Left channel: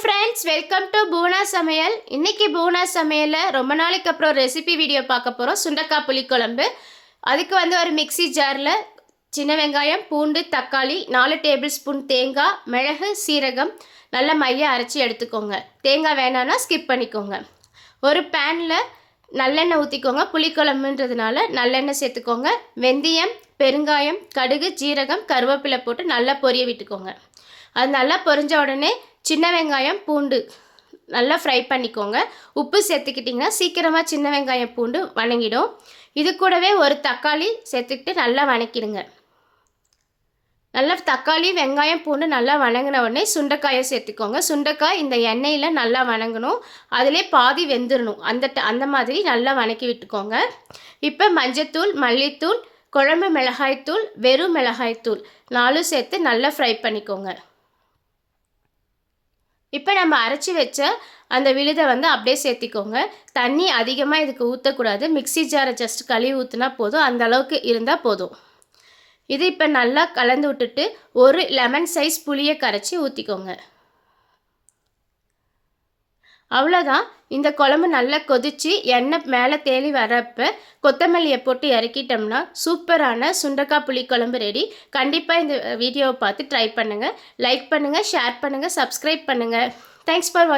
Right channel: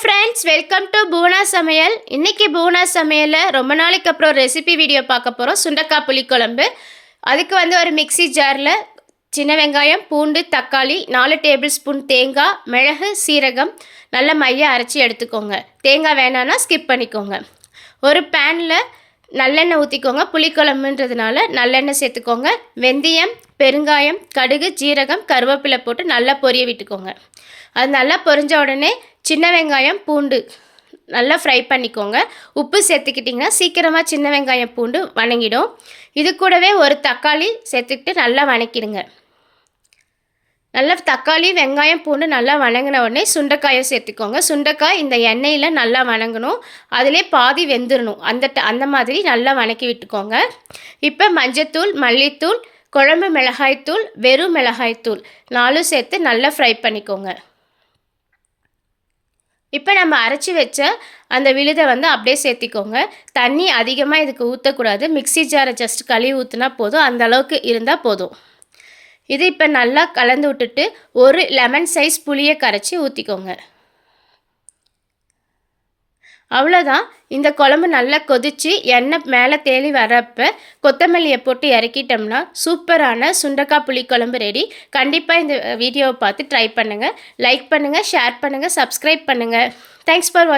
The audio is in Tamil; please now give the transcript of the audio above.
ஃப்ரெண்ட்ஸ், வெல்கம் டு பூனா சமையல். இன்றைக்கி பூனா சமையலில் ரொம்ப நாளைக்கு அப்புறம் ரெசிபி வீடியோ பார்க்க போகிறோம். சுண்டக்காய் புளிக்குழம்பு. அதுக்கு ஒரு மிக்சி ஜாரில் சின்ன வெங்காயம், பூண்டு, தக்காளி, 4 டேபிள் ஸ்பூன் தேங்காய், மிளகு, சீரகம் நல்ல மைய அரைச்சி எடுத்துக்கோங்க. தேங்காய் வேணான்னா ஸ்கிப் பண்ணிக்கோங்க. ஒரு பேனில் நல்லெண்ணெய் ஊற்றிக்கோங்க. புளிக்குழம்புன்றதுனால நல்லெண்ணெய் சேர்த்துக்கோங்க. வெந்தயம், பெருங்காயம், கடுகு, ஜீரகம், கருவேப்பிலை போட்டு நல்லா பொரிய விட்டுக்கோங்க. அது நல்லா பொரிஞ்ச உடனே சின்ன வெங்காயம், பூண்டு நல்லா ஃப்ரை பண்ணிக்கோங்க. உப்பு சேர்த்துக்கிட்டிங்கன்னா சீக்கிரமாக சின்ன வெங்காயம், பூண்டு வணங்கிடும். இது கூடவே ஒரு தக்காளி சேர்த்துக்கிட்டு நல்லா வணக்கிடுங்க. நல்லா தக்காளி, வெங்காயம், பூண்டு நல்லா வணங்கின உடனே சுண்டைக்காயை சேர்த்துக்கோங்க. சுண்டைக்காய் இந்த எண்ணெயில் நல்லா வணங்கணும். அதிலே பாதி வெந்துடணும். அந்த மாதிரி நல்லா வணக்கி விட்டுக்கோங்க. இப்போ மஞ்சத்தூள், மல்லித்தூள், குழம்பு மிளகாய்த்தூள், வெறும் மிளகாய்த்தூள் 4 சேர்த்து நல்லா ஃப்ரை பண்ணிக்கோங்க. இப்போ நம்ம அரைச்சி வச்ச அந்த விழுதை அப்படியே சேர்த்திக்கோங்க. தண்ணி அதிகமாக இதுக்கு ஊற்றக்கூடாது. மிக்சி ஜாரை ஜஸ்ட் கழுவி ஊற்றினா போதும். அந்த அளவுக்கு இருந்தால் போதும். இது இப்போ நல்லா கலந்து விட்டுட்டு ஒரு லெமன் சைஸ் புளியை கரைச்சி ஊற்றிக்கோங்க. அவ்வளோதான். இந்த குழம்பு நல்லா கொதித்து எண்ணெய் மேலே தேலி வரப்போ கொத்தமல்லியை போட்டு இறக்கிட்டோம்னா சூப்பரான சுண்டக்காய் புளிக்குழம்பு ரெடி. கண்டிப்பாக இந்த வீடியோவை பார்த்து ட்ரை பண்ணுங்கள். லைக் பண்ணுங்கள், ஷேர் பண்ணுங்கள், சப்ஸ்கிரைப் பண்ணுங்கள். தேங்க்ஸ் ஃபார் வாட்சிங்.